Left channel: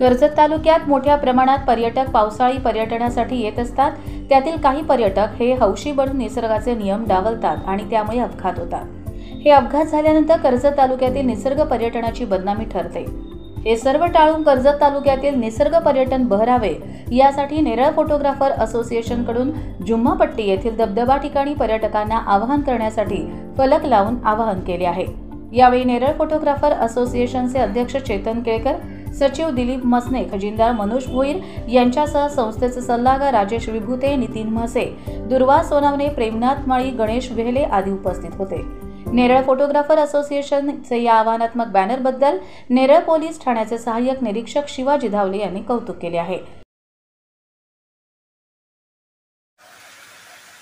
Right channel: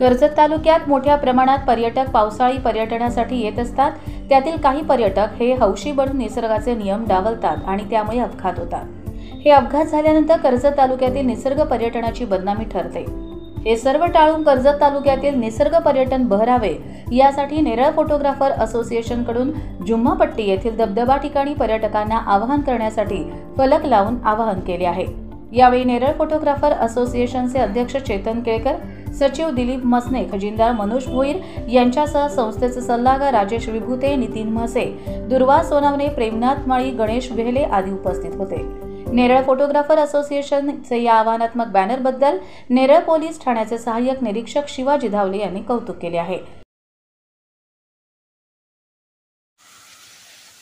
कर्जत तालुक्यात मोठ्या प्रमाणात पर्यटक पावसाळी पर्यटनासाठी येत असतात। त्यातील काही पर्यटक हे हौशी बनून निसर्गाचे नियम डावलतात आणि त्यामुळे अपघात होतात। हे अपघात झाल्यानंतर कर्जत तालुक्यातील निसर्ग पर्यटनाची बदनामी ठरते। हे सर्व टाळून कर्जत तालुक्यातील निसर्ग पर्यटन बहरावे यासाठी नेरळ फोटोग्राफर असोसिएशन कडून जुम्मापट्टी येथील धबधबा ठिकाणी पर्यटकांना आवाहन करण्यासाठी फलक लावून आवाहन केले आहे। यावेळी नेरळ फोटोग्राफर असोसिएशनचे अध्यक्ष चेतन केळकर, सचिव दिलीप मसने, खजिनदार मनोज भोईर यांच्यासह संस्थेचे सल्लागार राजेश विभूते, नितीन म्हसे, दुर्वा सोनावणे, प्रेमनाथ माळी, गणेश वेहले आदी उपस्थित होते। नेरळ फोटोग्राफर असोसिएशनचे या आव्हानात्मक बॅनरबद्दल नेरळ पोलीस ठाण्याचे सहाय्यक निरीक्षक शिवाजी धावले यांनी कौतुक केले आहे।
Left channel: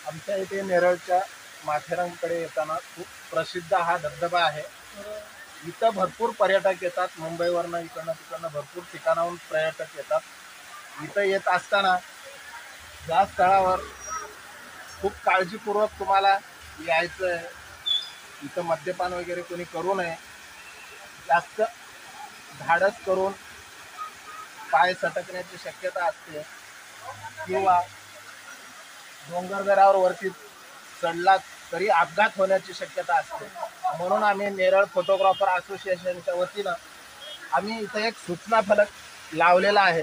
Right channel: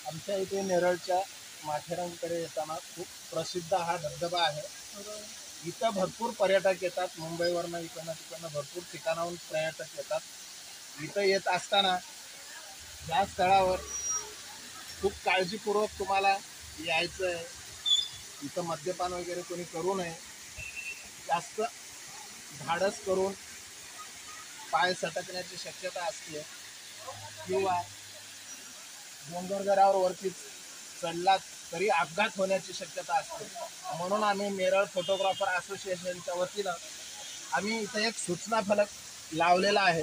आमच्या इथे नेरळच्या माथेरानकडे येताना खूप प्रसिद्ध हा धबधबा आहे। इथं भरपूर पर्यटक येतात, मुंबईवरनं इकडनं तिकडनं भरपूर ठिकाणाहून पर्यटक येतात। इथं येत असताना या स्थळावर खूप काळजीपूर्वक तुम्हाला यायचं आहे। इथं मद्यपान वगैरे कोणी करू नये। जास्त धाडस करून पाय सटकण्याची शक्यता असते किंवा डोंगरदऱ्यावर वरती चढलात तरी अपघात होण्याची शक्यता असते। म्हणून आम्ही नेरळ फोटोग्राफर असोसिएशनच्या वतीनं आम्ही इथं एक सूचना फलक लावलेला आहे।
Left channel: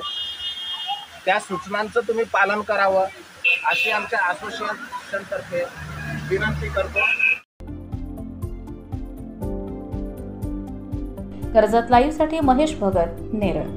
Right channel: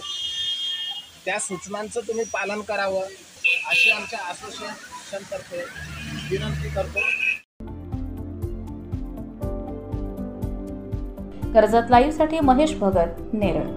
त्या सूचनांचं तुम्ही पालन करावं अशी आमच्या असोसिएशनतर्फे विनंती करतो। कर्जत लाईव्हसाठी महेश भगत, नेरळ।